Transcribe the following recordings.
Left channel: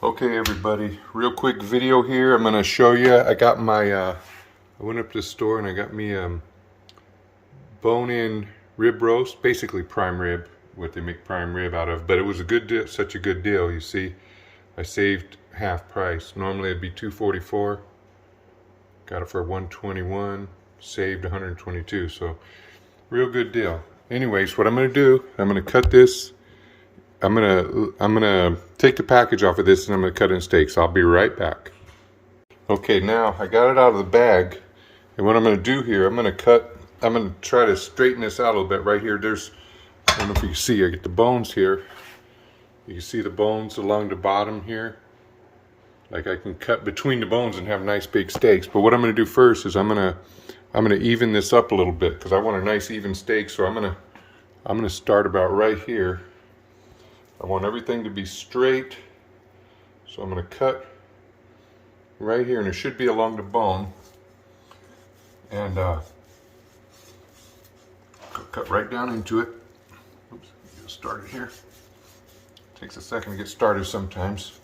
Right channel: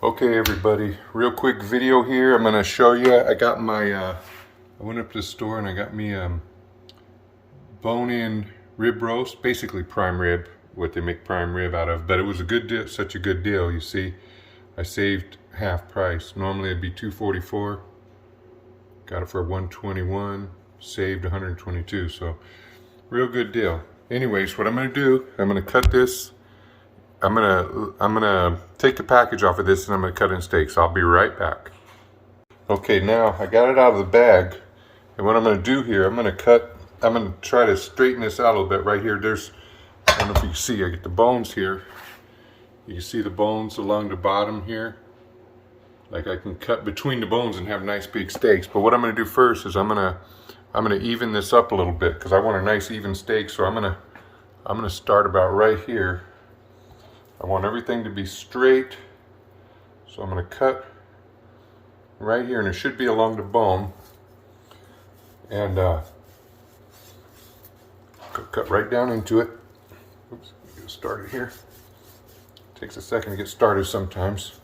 Okay everybody, real quick video here. I'm gonna show you, I got my, I went up to the store and I got me bone-in rib roast, basically prime rib, what they make prime rib out of, but it was a good deal, such a good deal. You see, I saved half price. Normally it'd be $244, got it for $121, saved $122, so real good deal. Anyways, what I'm gonna do, I'm gonna cut this. I'm gonna take the package off of this and I'm gonna cut in steaks. I'll be right back. Okay, now I got it out of the bag, and what I'm gonna do here, I'm gonna try to straighten this out a little bit. Right here, there's, I don't know if you can see, I get the bones here. You can see the bones along the bottom here. Like I can cut between the bones and have nice big steaks. But what I'm gonna do first is I'm gonna even this up a little bit because I want a nice even steak. So I'm gonna start about right here. I want everything to be straight, so I'm going to cut right here, and it should be along the bone, and cut right down into it. Oops, let me get started here. Takes a second to get started sometimes.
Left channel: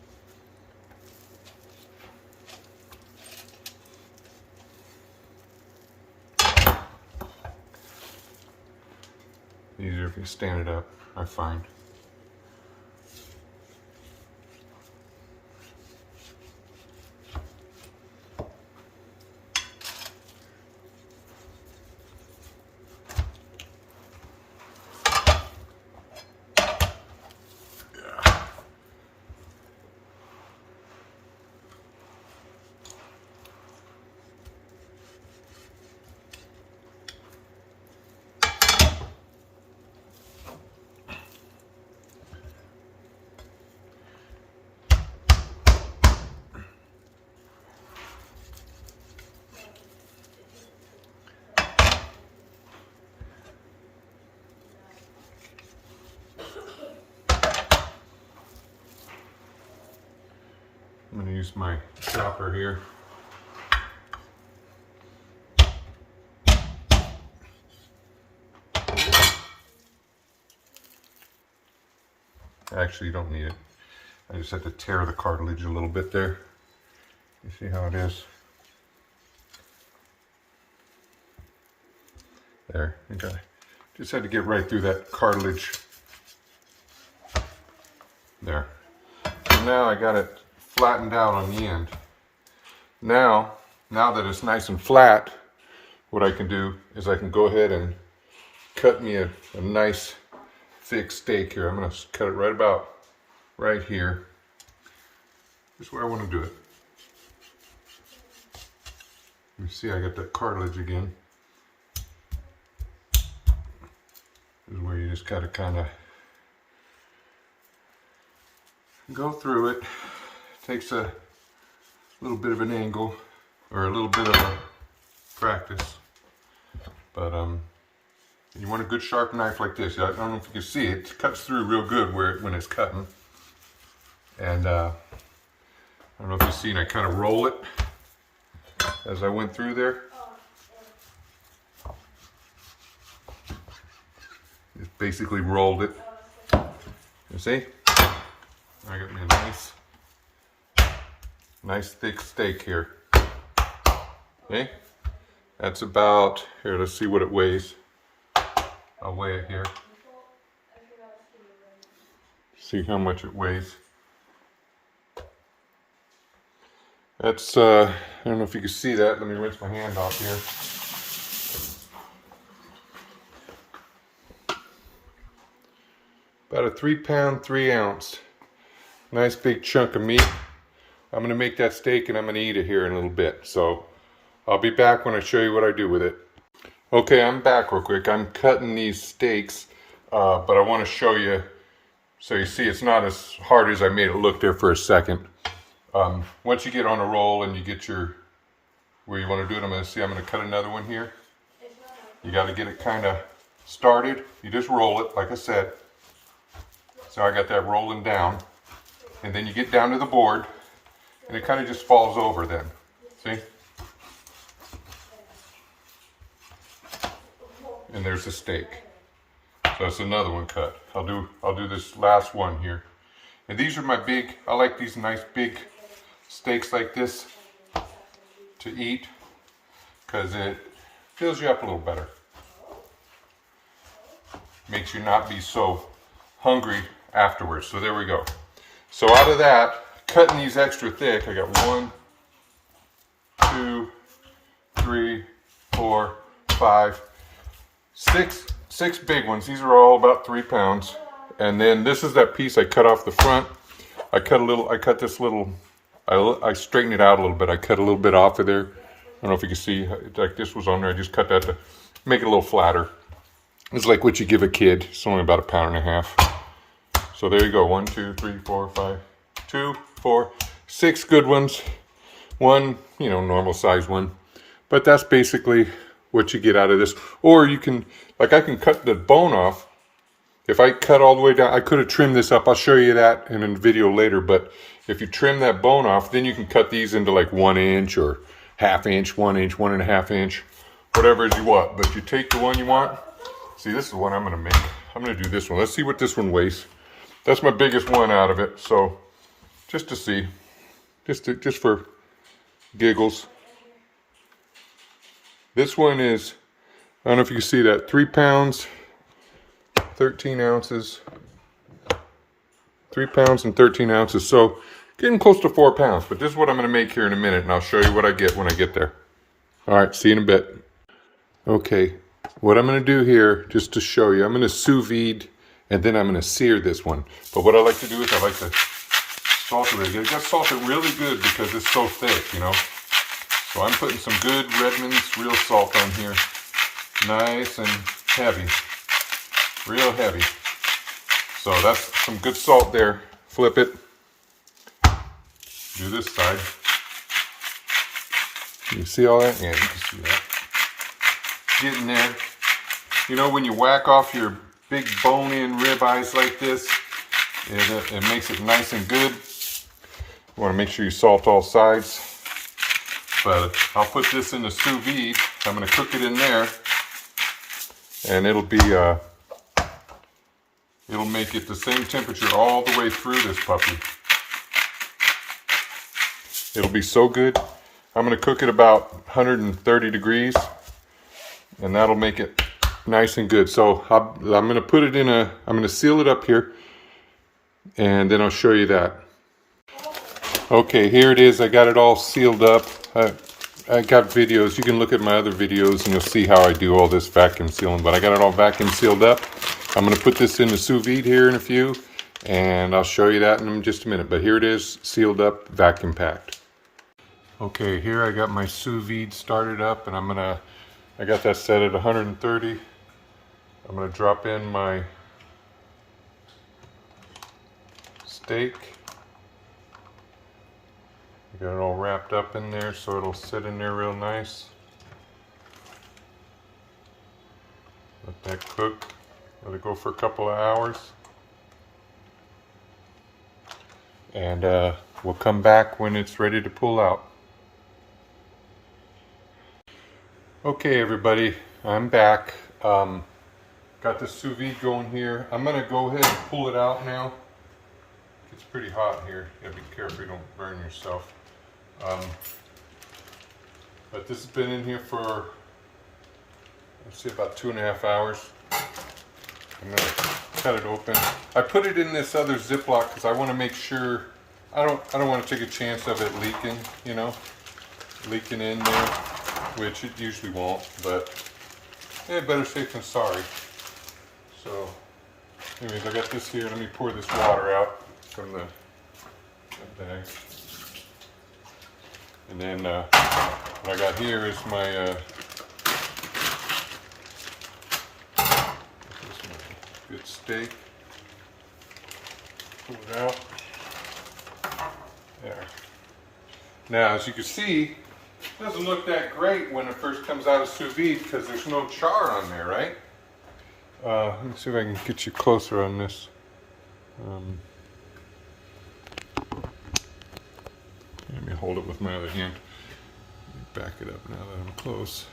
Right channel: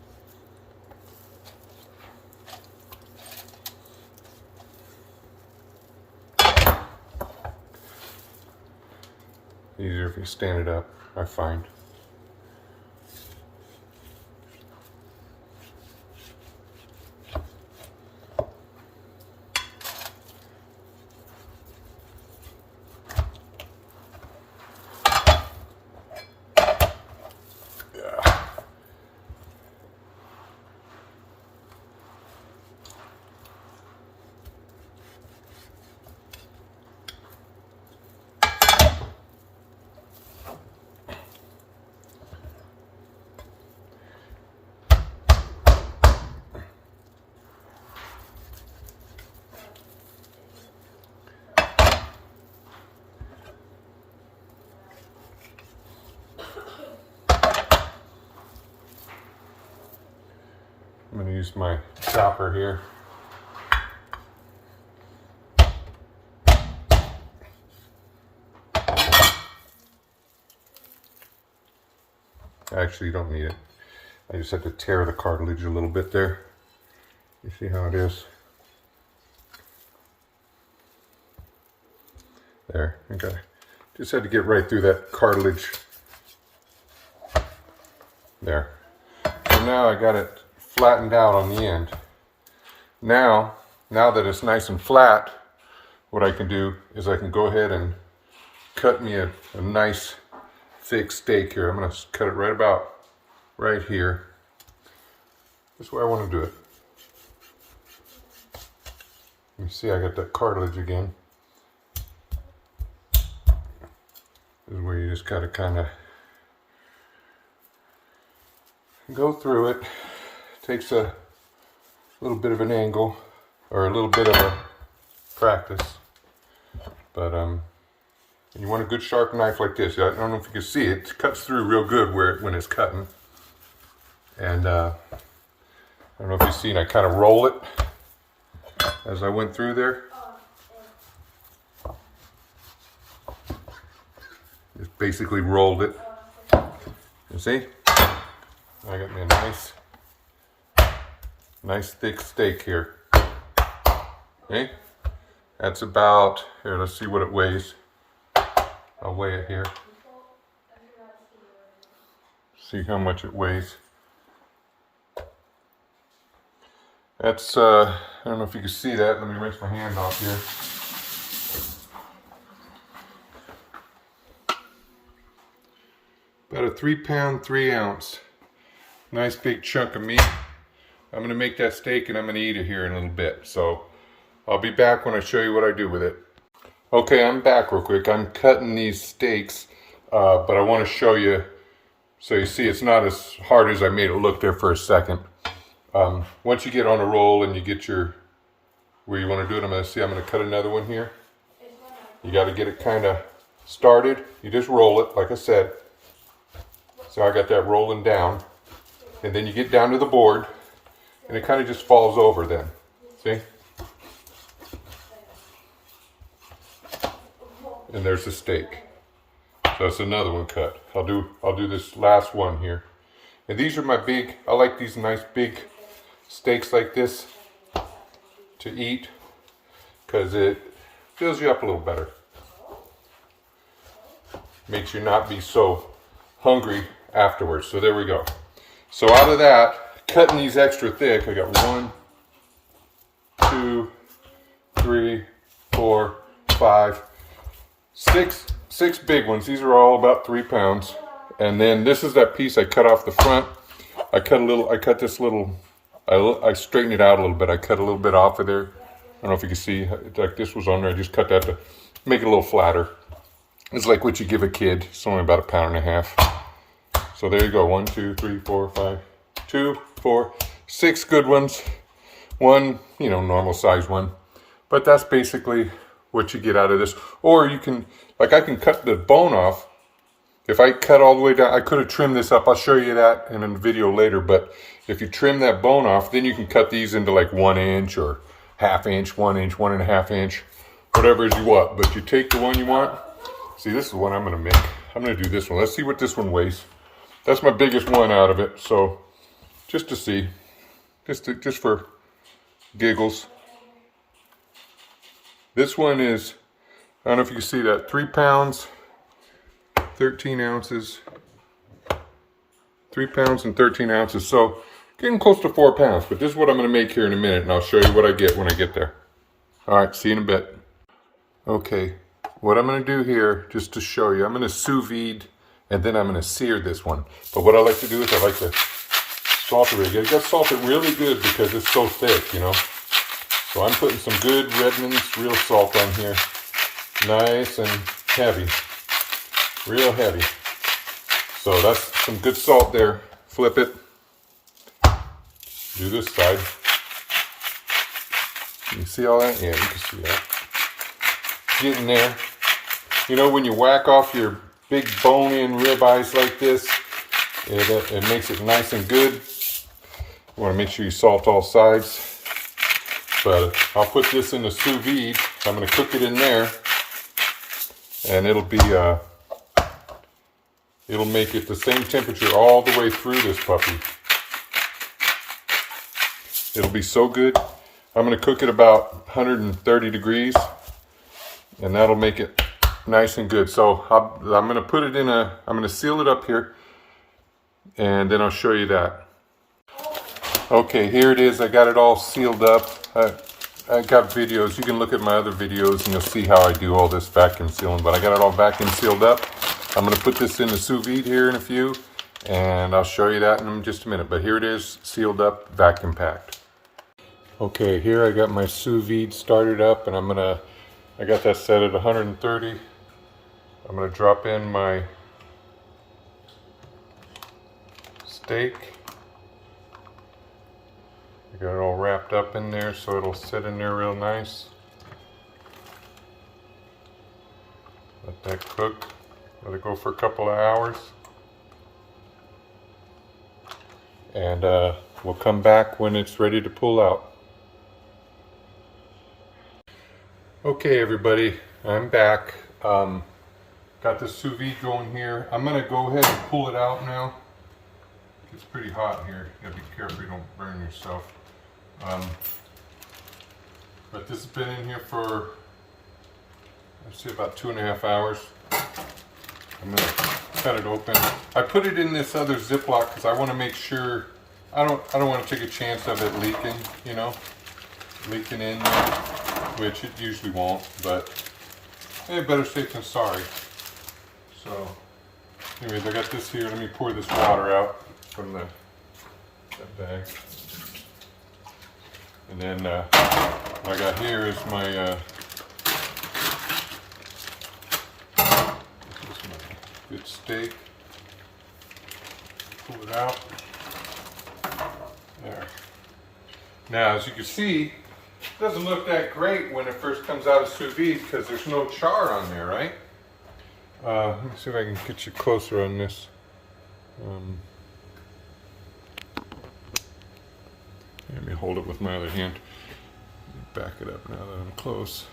Easier if you stand it up, I find. I'm going to use my chopper here. Actually, you don't need it. I just had to tear the cartilage a little bit there. You see how it is? There, okay. Just had to get right through that cartilage. There. So now I got it flattened out on the end. Now that it's nice and flat, what I can do is I can go ahead and cut me a nice thick steak here. I'm going to cut it right about right here. This is where I want to do it. You see I got that cartilage again. This is where you just got to kind of go through it. Takes a little bit of an angle, or a little bit of a practice, but you want a good sharp knife like this. I don't know if you can see it. It cuts through real good when it's cutting, and I don't know if you've seen. I kind of roll it as I went through there. Just basically rolled it. You see? I got me a nice thick steak here. Okay, that's about, here, let's see what it weighs. I'll weigh it here. See how much it weighs. That's, I don't know if you can see that. Let me rinse my hand off here. About a 3-pound, 3-ounce. Nice big chunk of meat. I'm going to make that steak and I'm going to eat it here in a little bit. So I'll be back when I show you what I do with it. Okay, I'm back real quick. I'm cutting these steaks, but I want to show you so you see it's not as hard as I made it look there for a second. Once you get on a roll and you get where you want to do it, I'm going to cut another one here. You got to get it kind of started. You just roll it, like I said. So I got that rolling down. And then you get down to the board. And it kind of just falls over then, see? And there's the steak. So that's another one cut. I'll do this last one here. And these are my big, I like these nice big steaks like this to eat because it fills you up a little better. Makes you not be so hungry afterwards. So there we go. So out of that, cutting these extra thick, I got 1, 2, 3, 4, 5, 6 big ones. These are all about 3 pounds. And then this is that piece I cut off the front. I cut this little, I straightened it out a little bit. I cut a little bit off of there. I don't know if you can see, like this was on there. I just cut that to make it a little flatter. It's like what you give a kid. It's only about 1.5 pounds. So there you go. 1, 2, 3, 4, 5, 2, 4, 6 good ones. One, you know, normal size one. But that's basically what you get out of this. Or you can, like I can cut the bone off. If I cut all the way down, I could have trimmed this up. I'll show you that in a video later. But if you trim that bone off, then you can cut these into like 1 inch or 1/2 inch, 1 inch, 1.5 inch, whatever you want. But you take the one you want. See, this is the one I'm going to make. I'm going to do this one. Let's see what this one weighs. That's my biggest one out of it. So just to see, just for giggles. This one is, I don't know if you can see that, 3 pounds, 13 ounces. 3 pounds and 13 ounces. So getting close to 4 pounds. But this is what I'm going to make here in a minute. And I'll show you what I get when I get there. All right, see you in a bit. Okay, what I'm going to do here, just to show you, I'm going to sous vide and then I'm going to sear this one. But what I like to do is I like to salt it. You got to salt it really good because it's so thick, you know. So I'm putting some good Redmond's real salt on here. Nice and heavy. Real heavy. So that's some good salt there. Flip it. Do this side. You see all that? Yeah, you can see that. Get in there. You know, when you whack off your big bone-in ribeyes like this, it makes it nice and good. You want to make sure you salt all sides. But I'll put this in the sous vide. I'm going to cook it in there, and it'll make it the same temperature all the way through this puppy. It'll be so good. I'm going to cook it about 130 degrees, and that'll make it nice and good. So I'm going to put it in I'm going to seal it up here, and then I'll show you that. Okay, here it is. I got it all sealed up. I got videos. You can look at my other videos and you'll see how I do all this vacuum sealing. But I got it all vacuum sealed up. I'm going to put this in the sous vide here in a few, and I'll show you that in just a minute. But here it is, sealed up, vacuum packed. Okay, here I got my sous vide started up, and I got that set at 130. I'm going to drop in my steak. I got it all wrapped up in there so it'll sit in there real nice. Let that cook. Let it go for a couple of hours. And we'll come back when it's ready to pull out. Okay, everybody, I'm back. Got the sous vide going here. I'm going to go ahead and pull it out now. It's pretty hot here. You gotta be careful you don't burn yourself. But this has been in here for, I'd say, about 2.5 hours. I'm going to cut it open. I put it in this other Ziploc because I want to make sure, I don't want to take a chance of it leaking, you know, leaking in there, which it usually won't, but hey, better safe than sorry. So, anyways, I got this here. Let me pour this water out from that bag. And then what I got here is my good steak. Pull it out. There. Now, as you can see, it doesn't look that great when it first comes out of sous vide because there's no char on there, right? Let me see if I can get you closer on this. Let me hold it with my other hand. Back it up now that I'm close.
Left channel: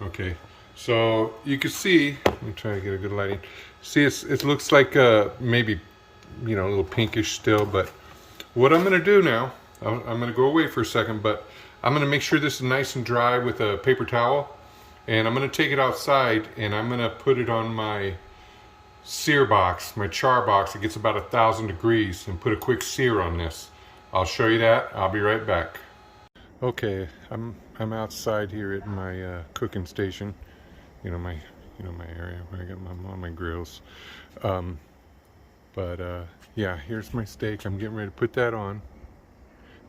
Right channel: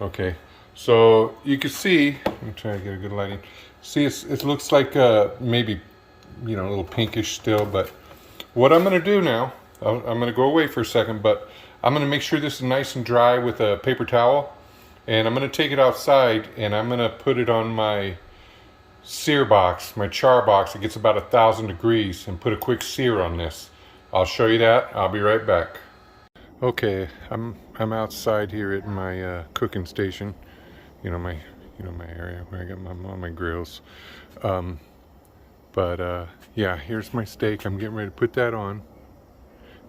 Okay, so you can see, let me try to get a good lighting. See, it looks like maybe, you know, a little pinkish still, but what I'm going to do now, I'm going to go away for a second, but I'm going to make sure this is nice and dry with a paper towel, and I'm going to take it outside and I'm going to put it on my sear box, my char box. It gets about 1,000 degrees, and put a quick sear on this. I'll show you that. I'll be right back. Okay, I'm outside here at my cooking station. You know my area where I got my grills. Yeah, here's my steak. I'm getting ready to put that on,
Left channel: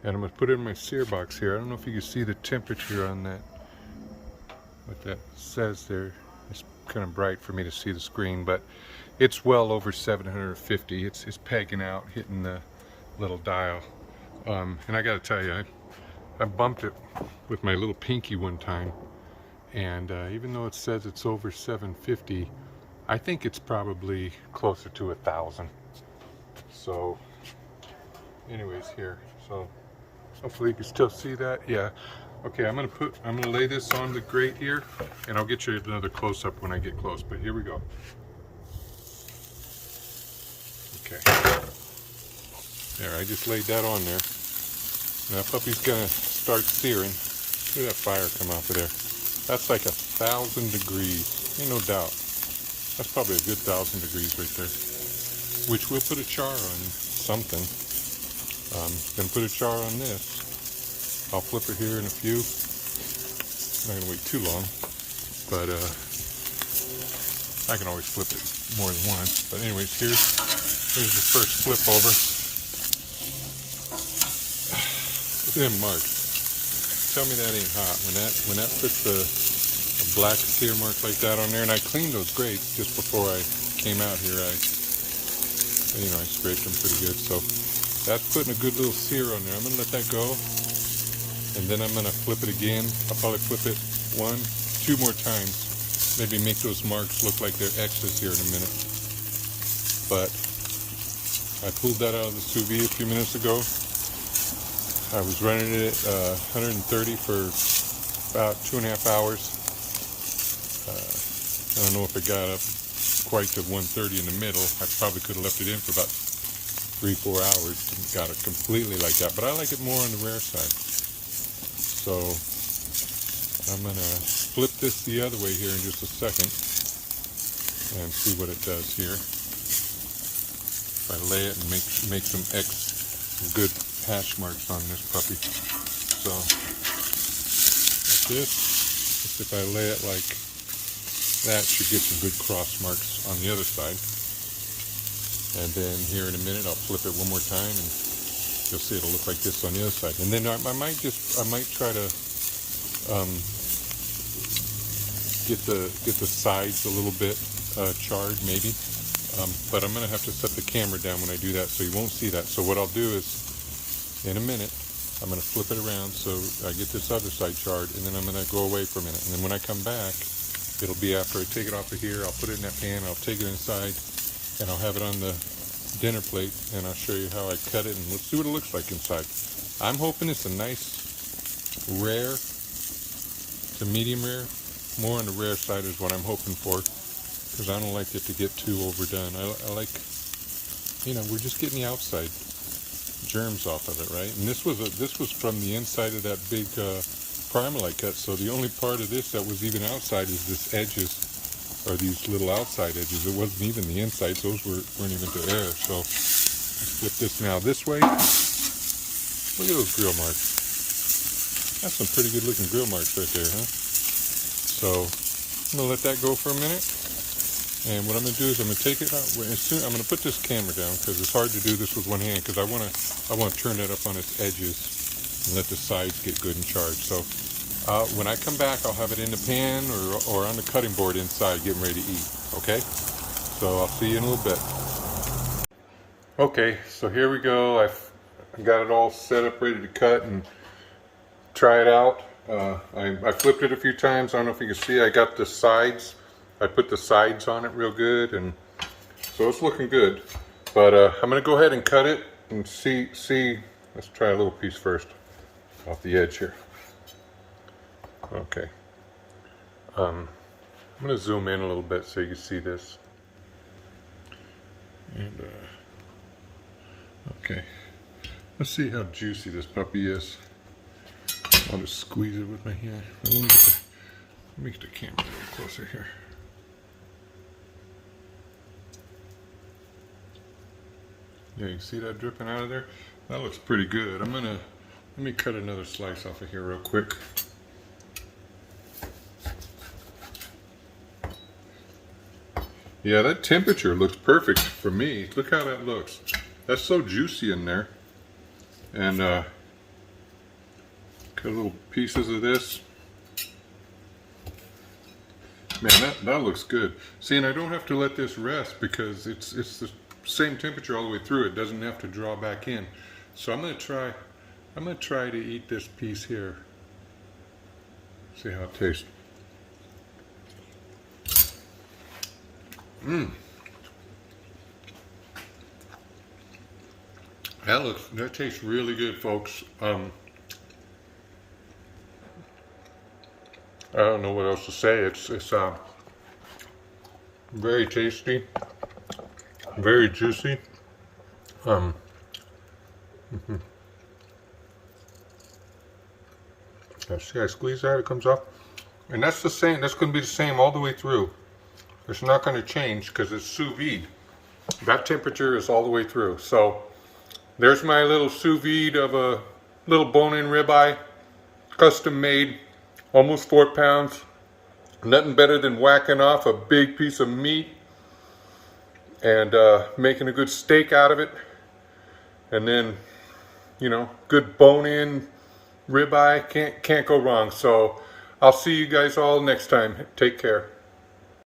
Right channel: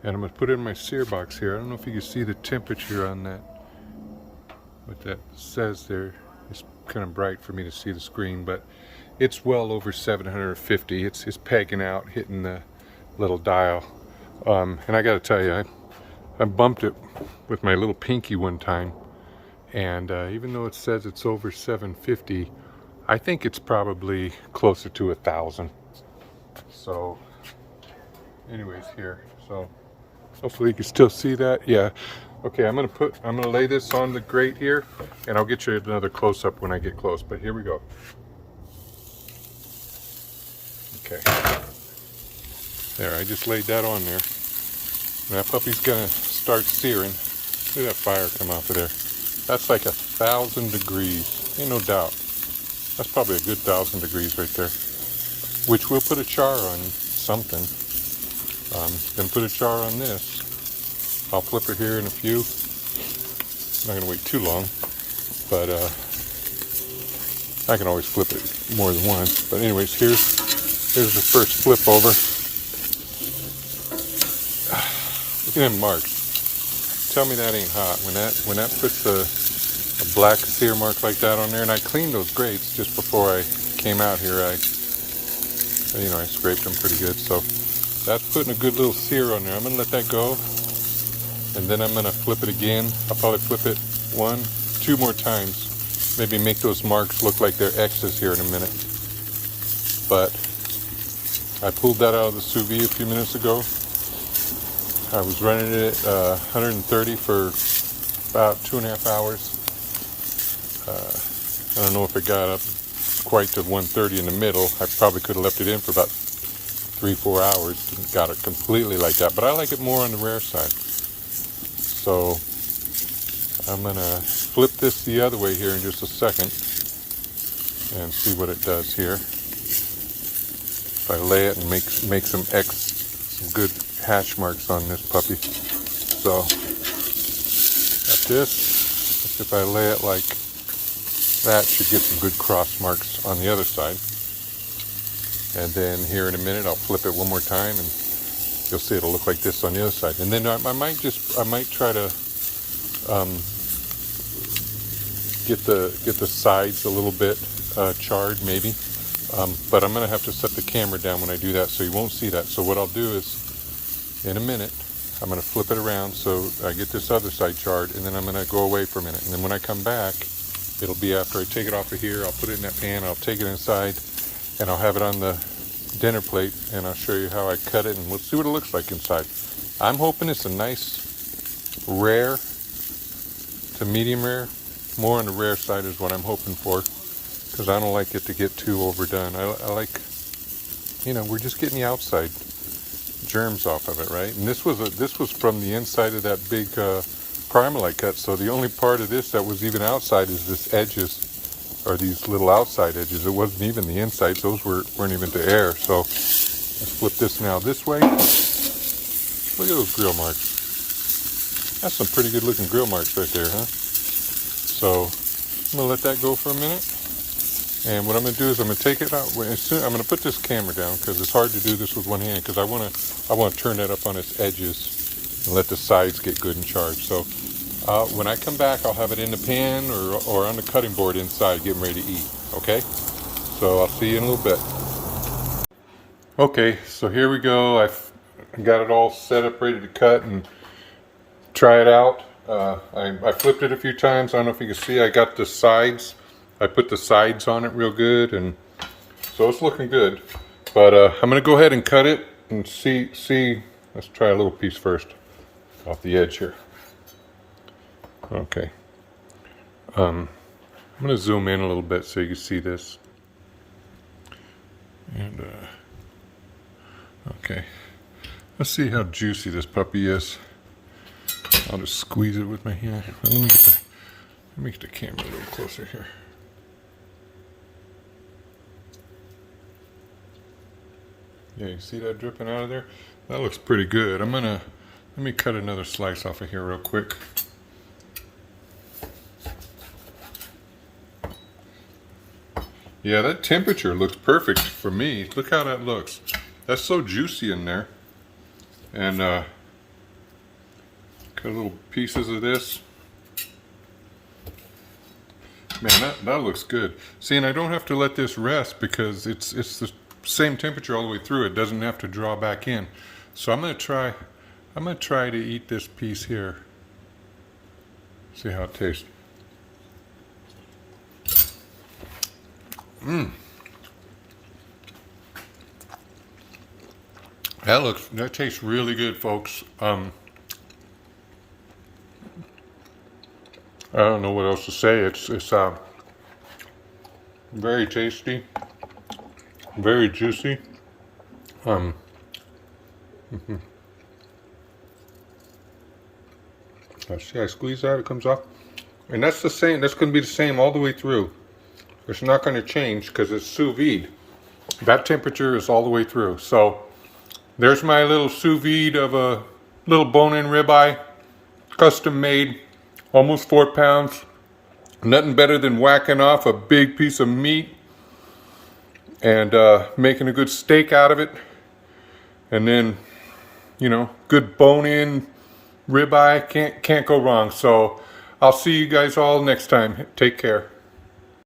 and I'm gonna put it in my sear box here. I don't know if you can see the temperature on that. What that says there. It's kind of bright for me to see the screen, but it's well over 750. It's pegging out, hitting the little dial. And I gotta tell you, I bumped it with my little pinky one time, and even though it says it's over 750, I think it's probably closer to 1,000. So anyways, here, so hopefully you can still see that. Yeah. Okay, I'm gonna lay this on the grate here, and I'll get you another close-up when I get close, but here we go. Okay, there, I just laid that on there. That puppy's gonna start searing. Look at that fire come off of there. That's like 1,000 degrees, ain't no doubt. That's probably a good 1,000 degrees right there. Which we'll put a char on something. Gonna put a char on this. I'll flip it here in a few. I'm not gonna wait too long, but I can always flip it more than once. But anyways, here's the first flip over. Look at them marks. Tell me that ain't hot. When that puts a black sear mark like that on there, and I cleaned those grates just before I came out here. I scraped them pretty good. So that's putting a good little sear on there. I'm gonna let that go. And then I'm going to flip it again. I'll probably flip it 1, 2 more times. Maybe make those marks look like they're X's here in a minute. But I pulled that out of the sous vide a few minutes ago. I was running it at 130 for about 2.5 hours. I don't know if it got up quite to 130 in the middle. I probably could have left it in for about 3-4 hours and got it completely like that. But I like it more on the rare side. So I'm going to flip this the other way here in just a second and see what it does here. If I lay it and make some good hash marks on this puppy. So like this, if I lay it like that, should get some good cross marks on the other side. And then here in a minute, I'll flip it one more time, and you'll see it'll look like this on the other side. And then I might try to get the sides a little bit charred maybe. But I'm gonna have to set the camera down when I do that, so you won't see that. So what I'll do is, in a minute, I'm gonna flip it around so I get this other side charred, and then I'm gonna go away for a minute. And then when I come back, it'll be after I take it off of here. I'll put it in that pan. I'll take it inside, and I'll have it on the dinner plate, and I'll show you how I cut it, and we'll see what it looks like inside. I'm hoping it's a nice rare to medium rare. More on the rare side is what I'm hoping for, because I don't like it to get too overdone. I like, we're just getting the outside germs off of it, right? And this was from the inside of that big primer I cut. So the only part of this that was even outside is this edges, or these little outside edges. It wasn't even the insides. Those weren't even to air. So let's flip this now this way. Look at those grill marks. That's some pretty good looking grill marks right there, huh? So I'm gonna let that go for a minute. And what I'm gonna do is I'm gonna take it out. I'm gonna put this camera down because it's hard to do this with one hand, because I wanna turn that up on its edges and let the sides get good and charged. So when I come back, I'll have it in the pan or on the cutting board inside, getting ready to eat. Okay? So I'll see you in a little bit. Okay, so here we go. I've got it all set up, ready to cut and try it out. I flipped it a few times. I don't know if you can see. I got the sides. I put the sides on it real good, and so it's looking good. But I'm gonna go ahead and cut it and see. Let's try a little piece first off the edge here. Okay. I'm gonna zoom in a little bit so you can see this. And okay, let's see how juicy this puppy is. I'll just squeeze it with my hand. Let me get the camera a little closer here. Yeah, you can see that dripping out of there? That looks pretty good. Let me cut another slice off of here real quick. Yeah, that temperature looks perfect for me. Look how that looks. That's so juicy in there. And cut little pieces of this. Man, that looks good. See, and I don't have to let this rest because it's the same temperature all the way through. It doesn't have to draw back in. So I'm gonna try to eat this piece here. See how it tastes. That tastes really good, folks. I don't know what else to say. It's very tasty, very juicy. See, I squeeze that, it comes off, and that's the same. That's going to be the same all the way through. It's not going to change because it's sous vide. That temperature is all the way through. So there's my little sous vide of a little bone-in ribeye, custom made, almost 4 pounds. Nothing better than whacking off a big piece of meat and making a good steak out of it. And then, you know, good bone-in ribeye, can't go wrong. So I'll see you guys all next time. Take care.